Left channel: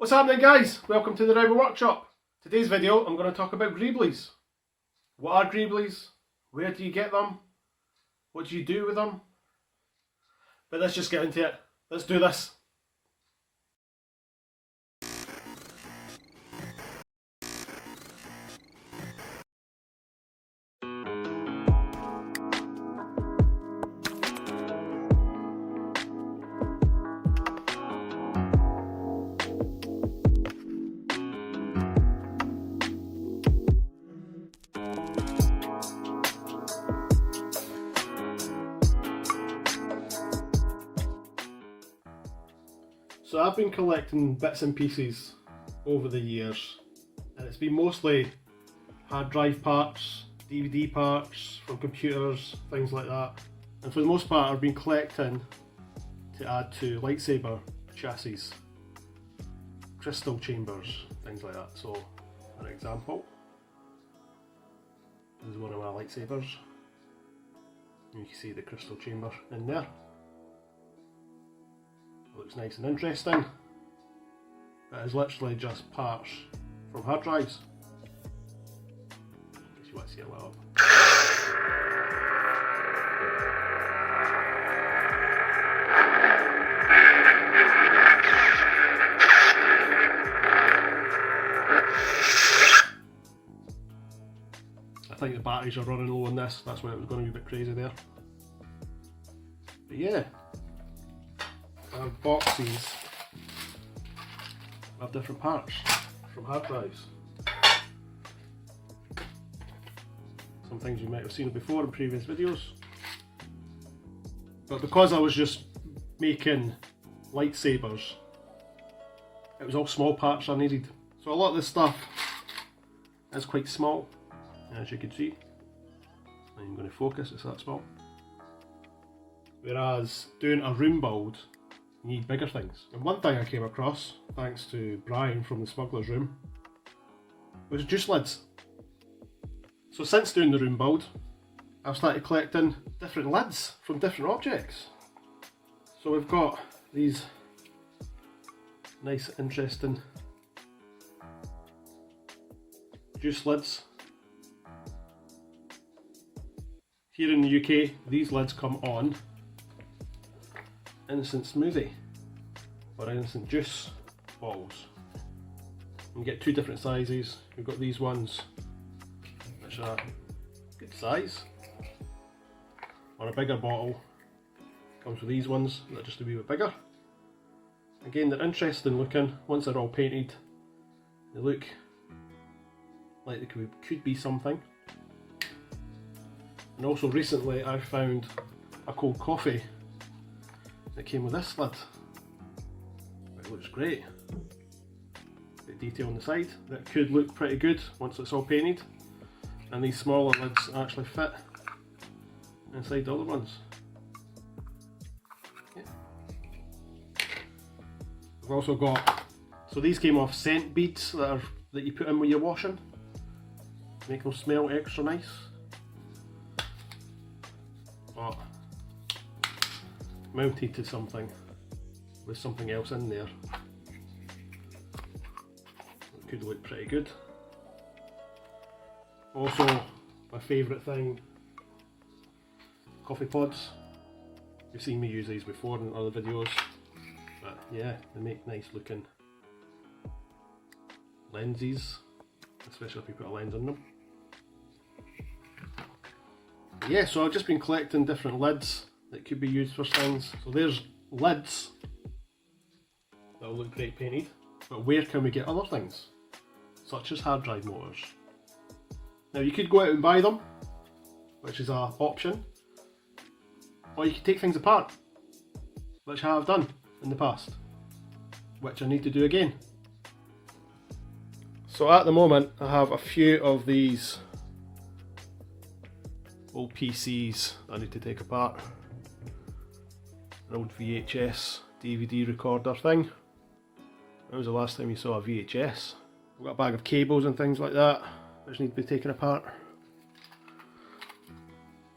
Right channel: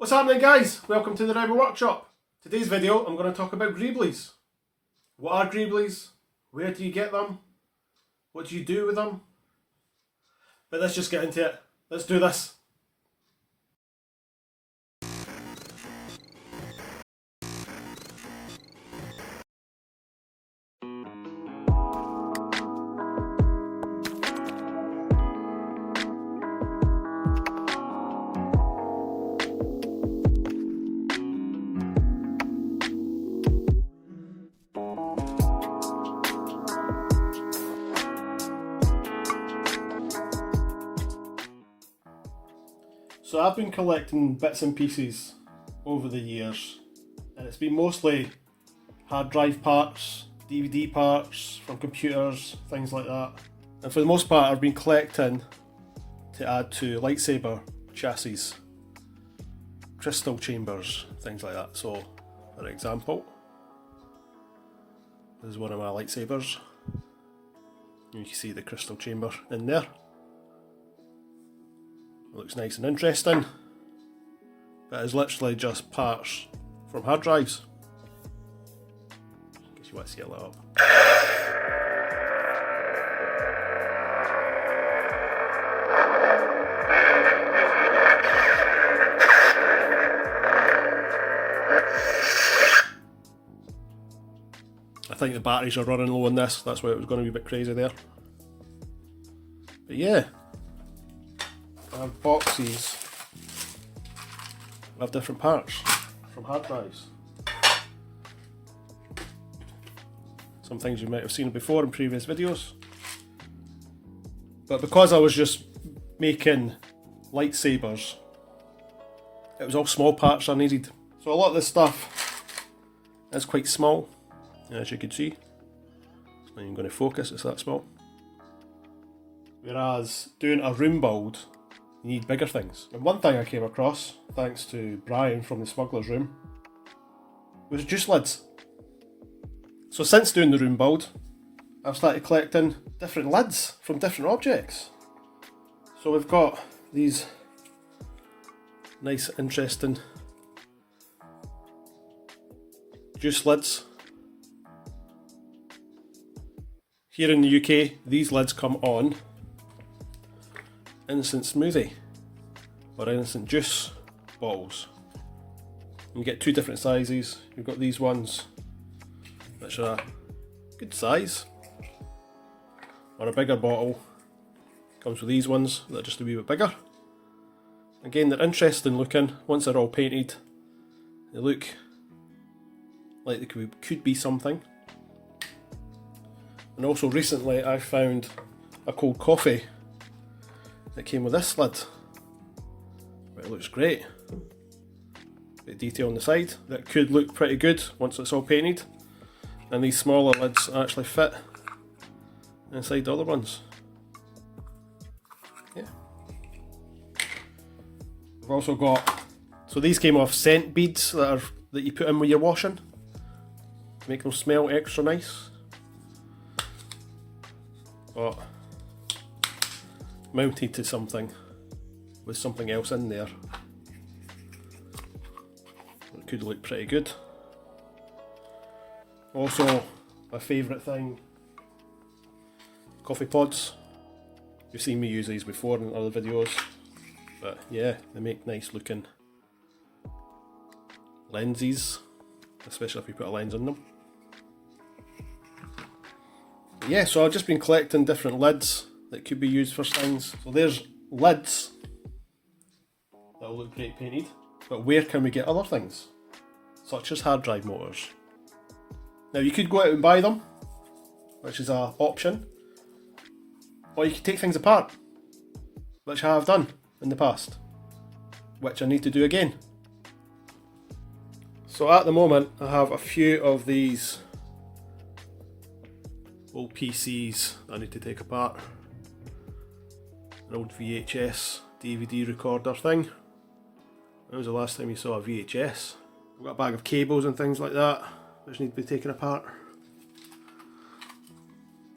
What's happening, guys? Welcome to the Rebel Workshop. Today's video I'm going to talk about Greeblies. What are Greeblies? Where do you get them? What do you do with them? But let's just get into it. Let's do this. So I've been collecting bits and pieces over the years, and it's been mostly hard drive parts, DVD parts from computers, things like that. And for the most part I've been collecting to add to lightsaber chassis, crystal chambers, things like that. So for example, this is one of my lightsabers. You can see the crystal chamber in there. It looks nice and interesting, but it's literally just parts from hard drives. In case you want to see it lit up. I think the batteries are running low on this, that's why it was going to be a bit crazy there. But yeah. Boxes of different parts from hard drives. Some things you might have seen before in previous videos, but because I was just making lightsabers, it was all small parts I needed. So a lot of this stuff is quite small, as you can see. I'm going to focus, it's that small. Whereas doing a room build, you need bigger things. And one thing I came across, thanks to Brian from the Smuggler's Room, was juice lids. So since doing the room build, I've started collecting different lids from different objects. So we've got these nice, interesting juice lids. Here in the UK, these lids come on instant smoothie or instant juice bottles. You get two different sizes. You've got these ones which are a good size, or a bigger bottle comes with these ones that are just a wee bit bigger. Again, they're interesting looking. Once they're all painted, they look like they could be something. And also recently I found a cold coffee that came with this lid. It looks great. Bit of detail on the side. That could look pretty good once it's all painted. And these smaller lids actually fit inside the other ones. Yeah. We've also got, so these came off scent beads that you put in when you're washing. Make them smell extra nice. Got mounted to something with something else in there. It could look pretty good. Also, my favourite thing, coffee pods. You've seen me use these before in other videos, but yeah, they make nice looking lenses, especially if you put a lens in them. Yeah, so I've just been collecting different lids that could be used for things. So there's lids that will look great painted, but where can we get other things, such as hard drive motors? Now you could go out and buy them, which is an option, or you could take things apart, which I have done in the past, which I need to do again. So at the moment I have a few of these old PCs I need to take apart. An old VHS DVD recorder thing. When was the last time you saw a VHS? I've got a bag of cables and things like that which need to be taken apart.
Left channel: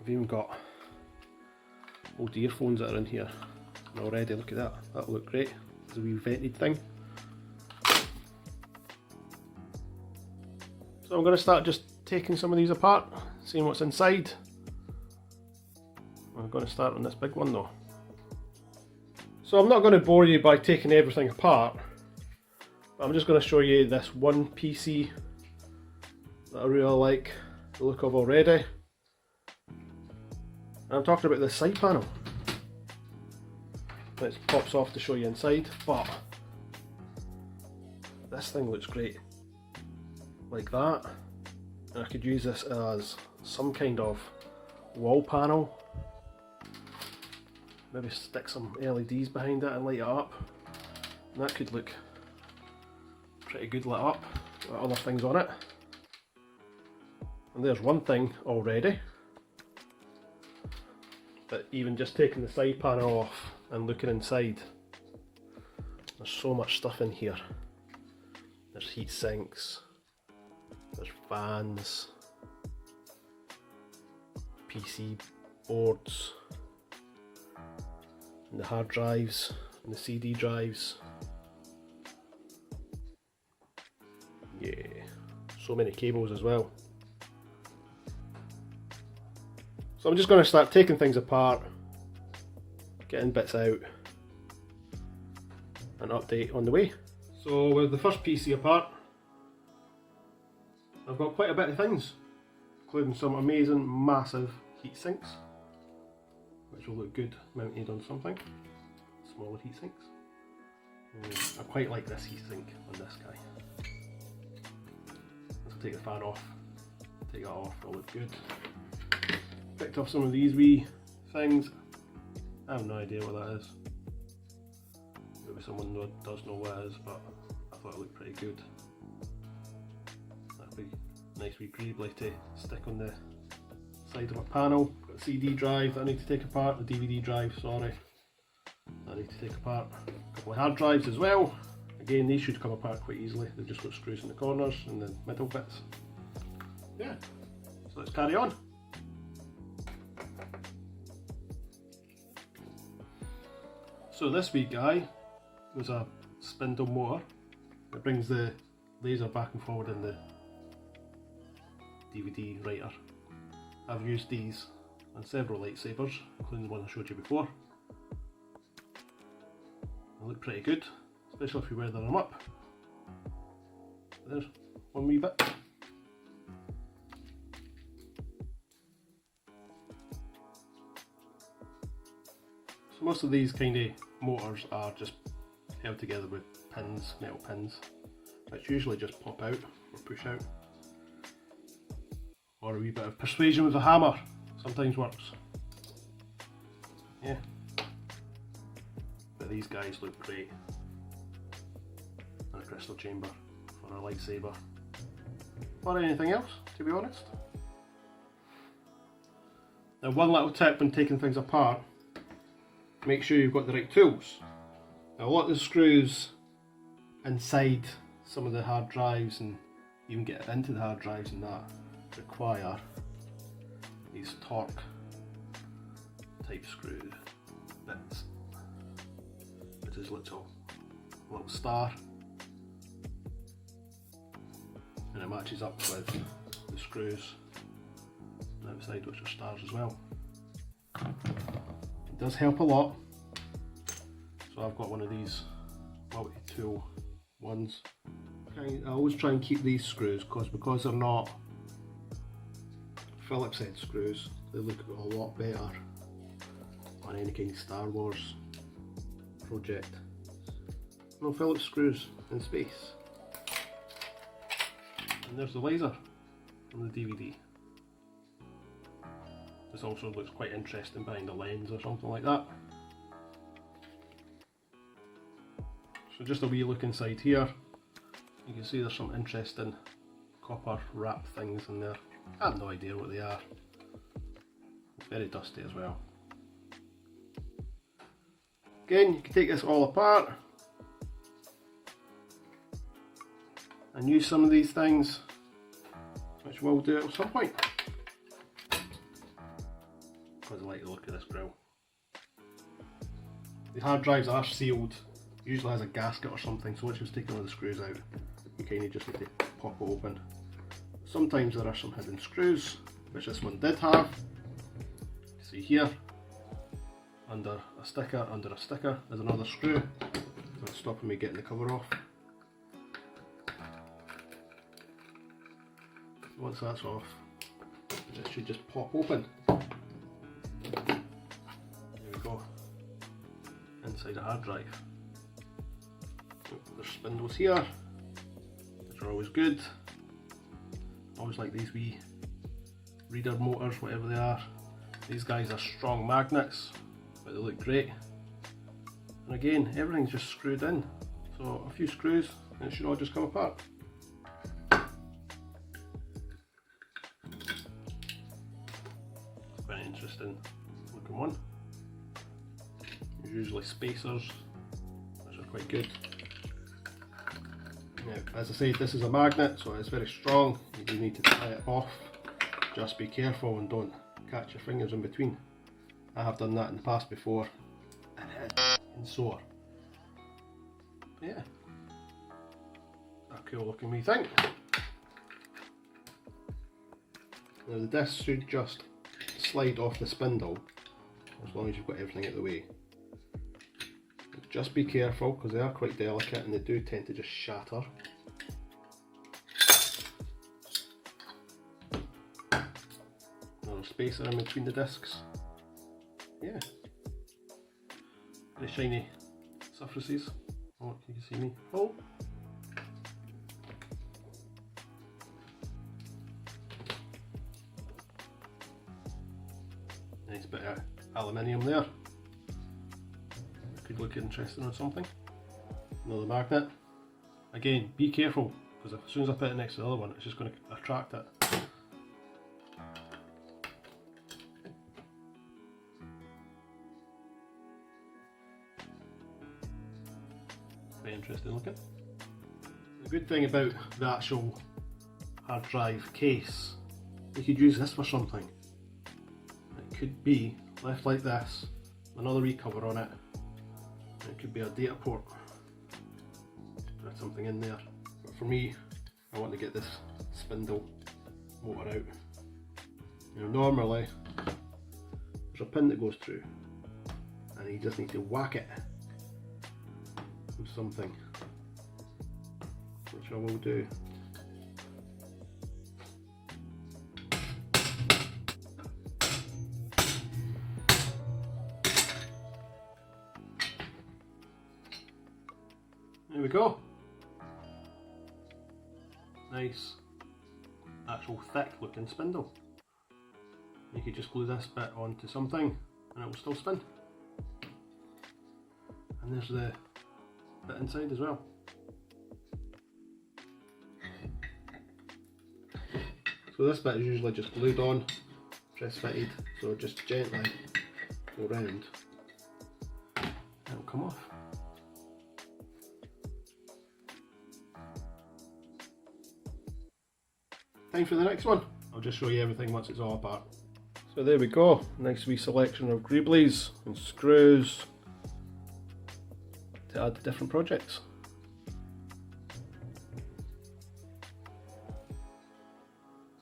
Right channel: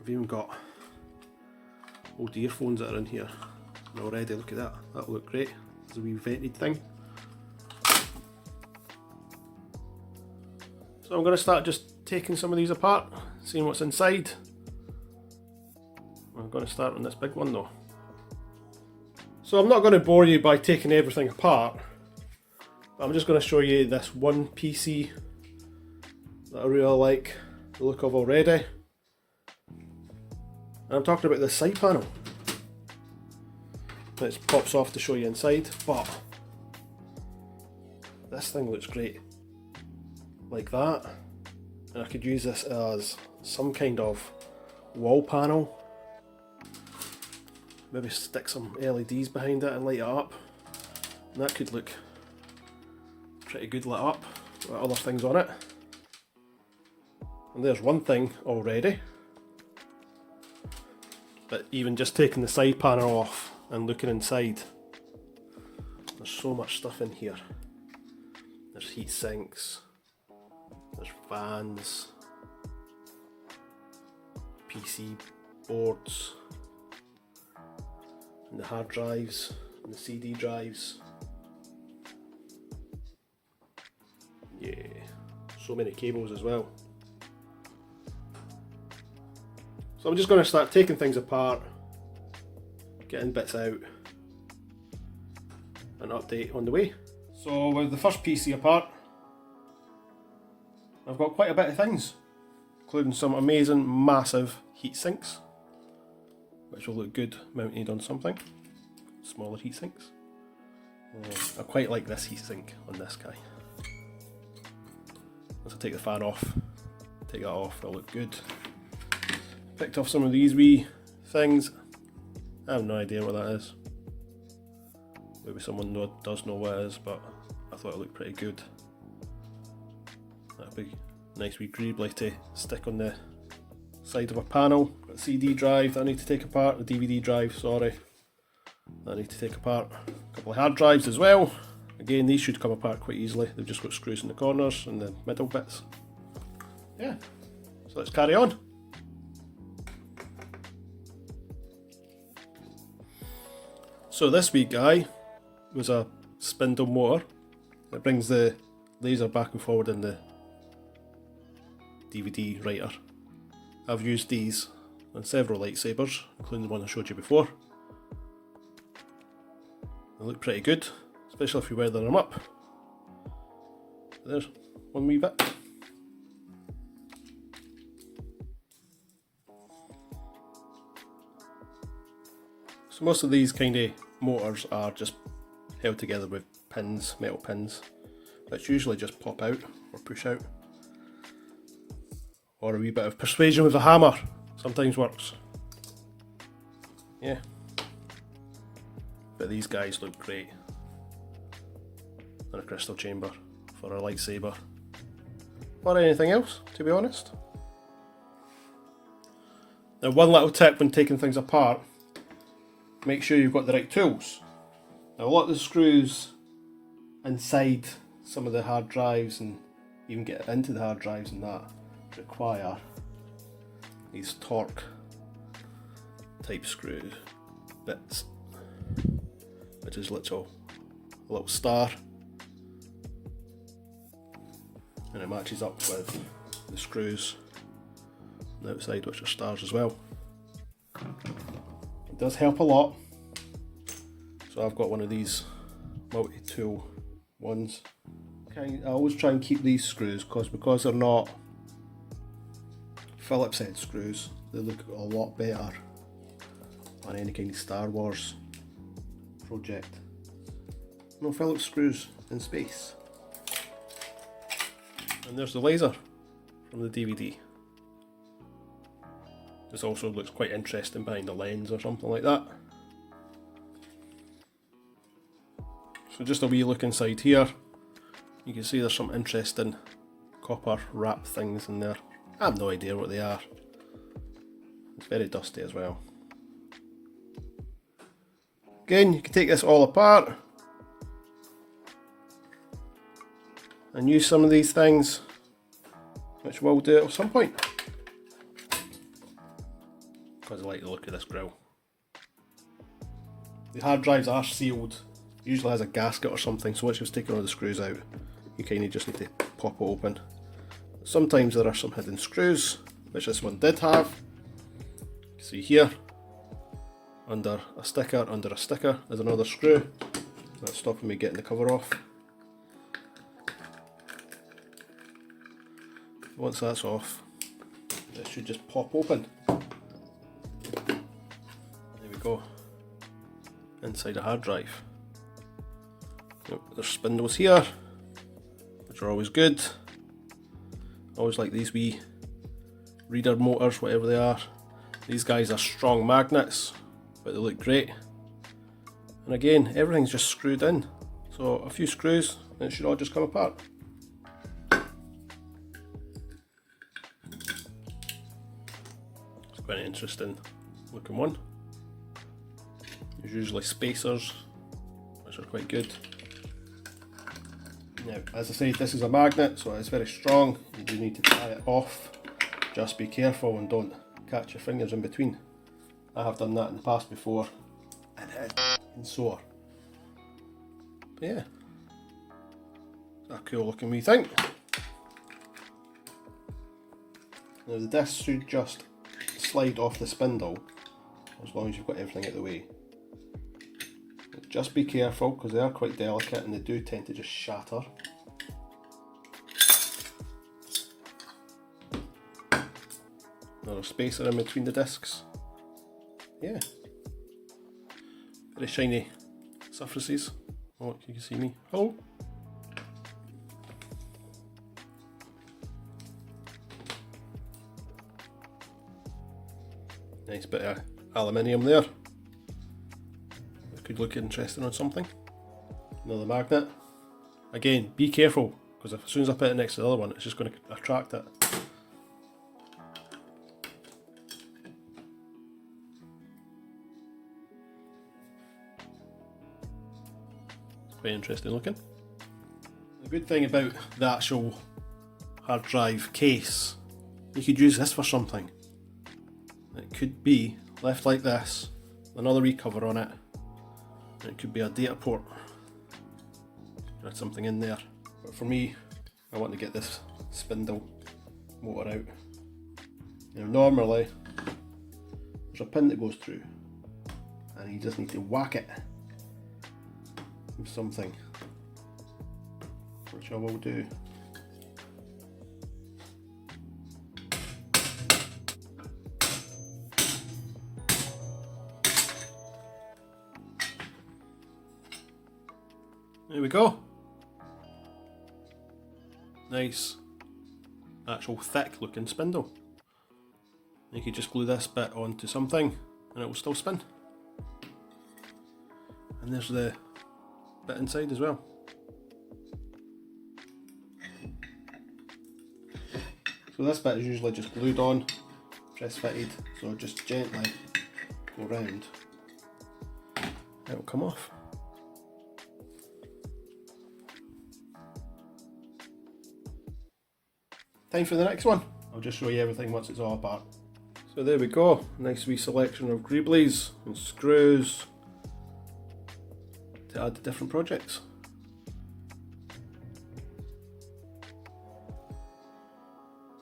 I've even got old earphones that are in here. And already, look at that, that'll look great. It's a wee vented thing. So I'm going to start just taking some of these apart, seeing what's inside. I'm going to start on this big one though. So I'm not going to bore you by taking everything apart, but I'm just going to show you this one PC that I really like the look of already. And I'm talking about the side panel. It pops off to show you inside, but this thing looks great like that, and I could use this as some kind of wall panel. Maybe stick some LEDs behind it and light it up, and that could look pretty good lit up with other things on it. And there's one thing already, but even just taking the side panel off and looking inside, there's so much stuff in here. There's heat sinks, there's fans, PC boards, and the hard drives, and the CD drives. Yeah, so many cables as well. So I'm just going to start taking things apart, getting bits out, an update on the way. So with the first PC apart, I've got quite a bit of things, including some amazing massive heat sinks, which will look good mounted on something. Smaller heat sinks. I quite like this heat sink on this guy. Once I take the fan off, take that off, it'll look good. Picked off some of these wee things. I have no idea what that is. Maybe someone does know what it is, but I thought it looked pretty good. That'd be a nice wee Greeble to stick on the side of a panel. Got a CD drive that I need to take apart, the DVD drive, sorry, that I need to take apart. A couple of hard drives as well. Again, these should come apart quite easily. They've just got screws in the corners and the middle bits. Yeah, so let's carry on. So this wee guy was a spindle motor. It brings the laser back and forward in the DVD writer. I've used these on several lightsabers, including the one I showed you before. They look pretty good, especially if you weather them up. There's one wee bit. So most of these kind of motors are just held together with pins, metal pins, which usually just pop out or push out. Or a wee bit of persuasion with a hammer sometimes works. Yeah. But these guys look great in a crystal chamber for a lightsaber. Or anything else, to be honest. Now, one little tip when taking things apart: make sure you've got the right tools. Now, a lot of the screws inside some of the hard drives, and even get into the hard drives and that, require these torque type screw bits, which is a little star, and it matches up with the screws on the outside, which are stars as well. It does help a lot. So I've got one of these multi-tool ones. I always try and keep these screws because they're not Phillips head screws. They look a lot better on any kind of Star Wars project. No Phillips screws in space. And there's the laser from the DVD. This also looks quite interesting behind the lens or something like that. So just a wee look inside here. You can see there's some interesting copper wrap things in there. I have no idea what they are. It's very dusty as well. Again, you can take this all apart and use some of these things, which we'll do at some point, because I like the look of this grill. The hard drives are sealed, usually has a gasket or something, so once you've taken all the screws out, you kind of just need to pop it open. Sometimes there are some hidden screws, which this one did have. You can see here, under a sticker is another screw. That's stopping me getting the cover off. Once that's off, it should just pop open. There we go. Inside a hard drive. There's spindles here, which are always good. Always like these wee reader motors, whatever they are. These guys are strong magnets, but they look great. And again, everything's just screwed in. So a few screws and it should all just come apart. It's quite an interesting looking one. There's usually spacers, which are quite good. Now, as I said, this is a magnet, so it's very strong. You do need to tie it off. Just be careful and don't catch your fingers in between. I have done that in the past before, and sore. But yeah, a cool looking wee thing. Now the disc should just slide off the spindle as long as you've got everything out of the way. Just be careful because they are quite delicate and they do tend to just shatter. Another spacer in between the discs. Yeah. Very shiny surfaces. Oh, you can see me. Oh! Nice bit of aluminium there. Could look interesting on something. Another magnet. Again, be careful, because as soon as I put it next to the other one, it's just going to attract it. Very interesting looking. The good thing about the actual hard drive case, you could use this for something. It could be left like this, another wee cover on it. It could be a data port. Put something in there. But for me, I want to get this spindle motor out. Now normally, there's a pin that goes through and you just need to whack it with something, which I will do. There we go. Nice, actual thick looking spindle. You could just glue this bit onto something and it will still spin. And there's the bit inside as well. So this bit is usually just glued on, press fitted, so just gently go round and it'll come off. Time for the next one. I'll just show you everything once it's all apart. So there we go, nice wee selection of greeblies and screws to add to different projects.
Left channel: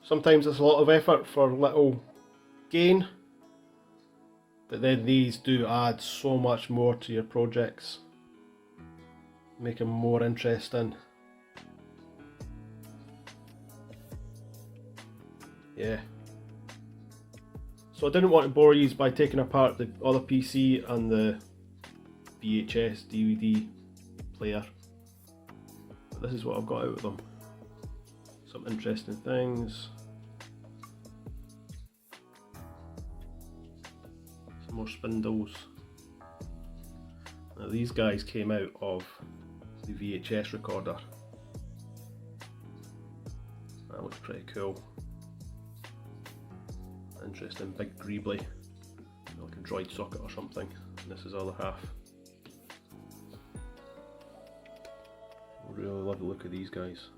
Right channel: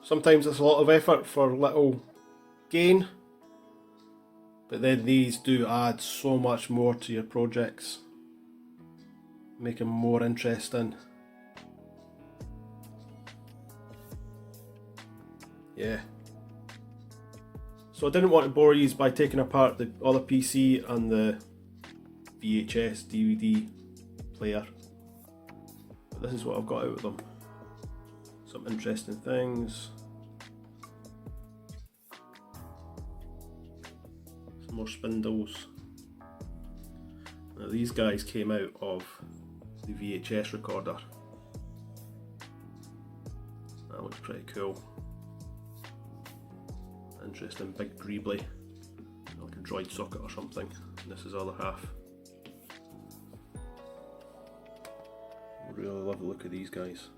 Sometimes it's a lot of effort for little gain, but then these do add so much more to your projects, make them more interesting. Yeah. So I didn't want to bore you by taking apart the other PC and the VHS DVD player, but this is what I've got out of them. Some interesting things. Some more spindles. Now these guys came out of the VHS recorder. That looks pretty cool. Interesting big greebly, like a droid socket or something. And this is the other half. Really love the look of these guys.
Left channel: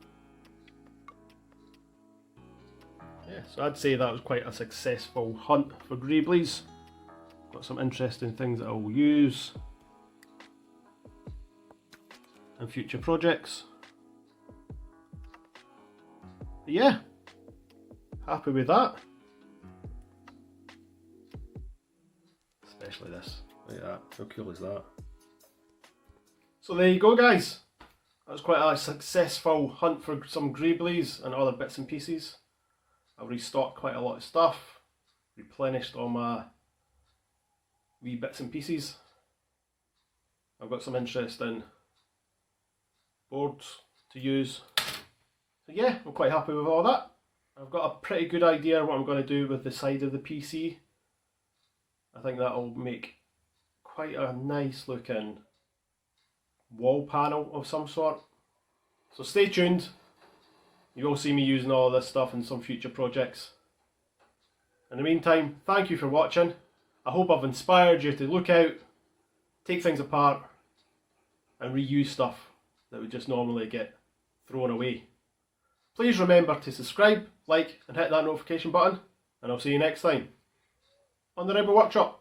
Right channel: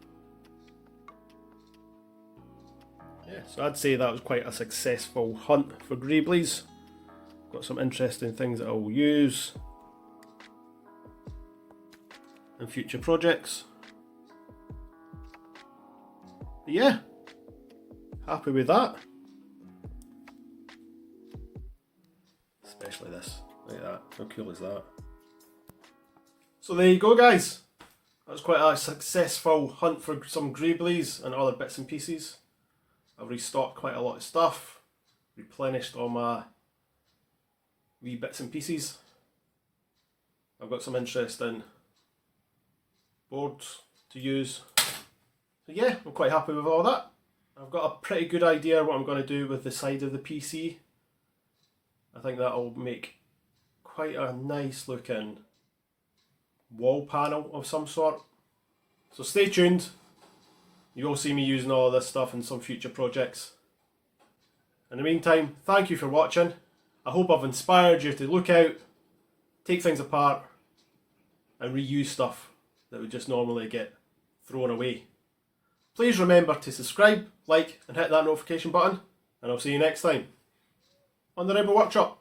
Yeah, so I'd say that was quite a successful hunt for greeblies. Got some interesting things that I will use in future projects. But yeah, happy with that. Especially this, look at that, how cool is that? So there you go guys, that was quite a successful hunt for some Greeblies and other bits and pieces. I've restocked quite a lot of stuff, replenished all my wee bits and pieces. I've got some interesting boards to use. So yeah, I'm quite happy with all that. I've got a pretty good idea what I'm going to do with the side of the PC. I think that'll make quite a nice looking wall panel of some sort. So stay tuned. You will see me using all of this stuff in some future projects. In the meantime, thank you for watching. I hope I've inspired you to look out, take things apart and reuse stuff that would just normally get thrown away. Please remember to subscribe, like and hit that notification button, and I'll see you next time on the Rebel Workshop.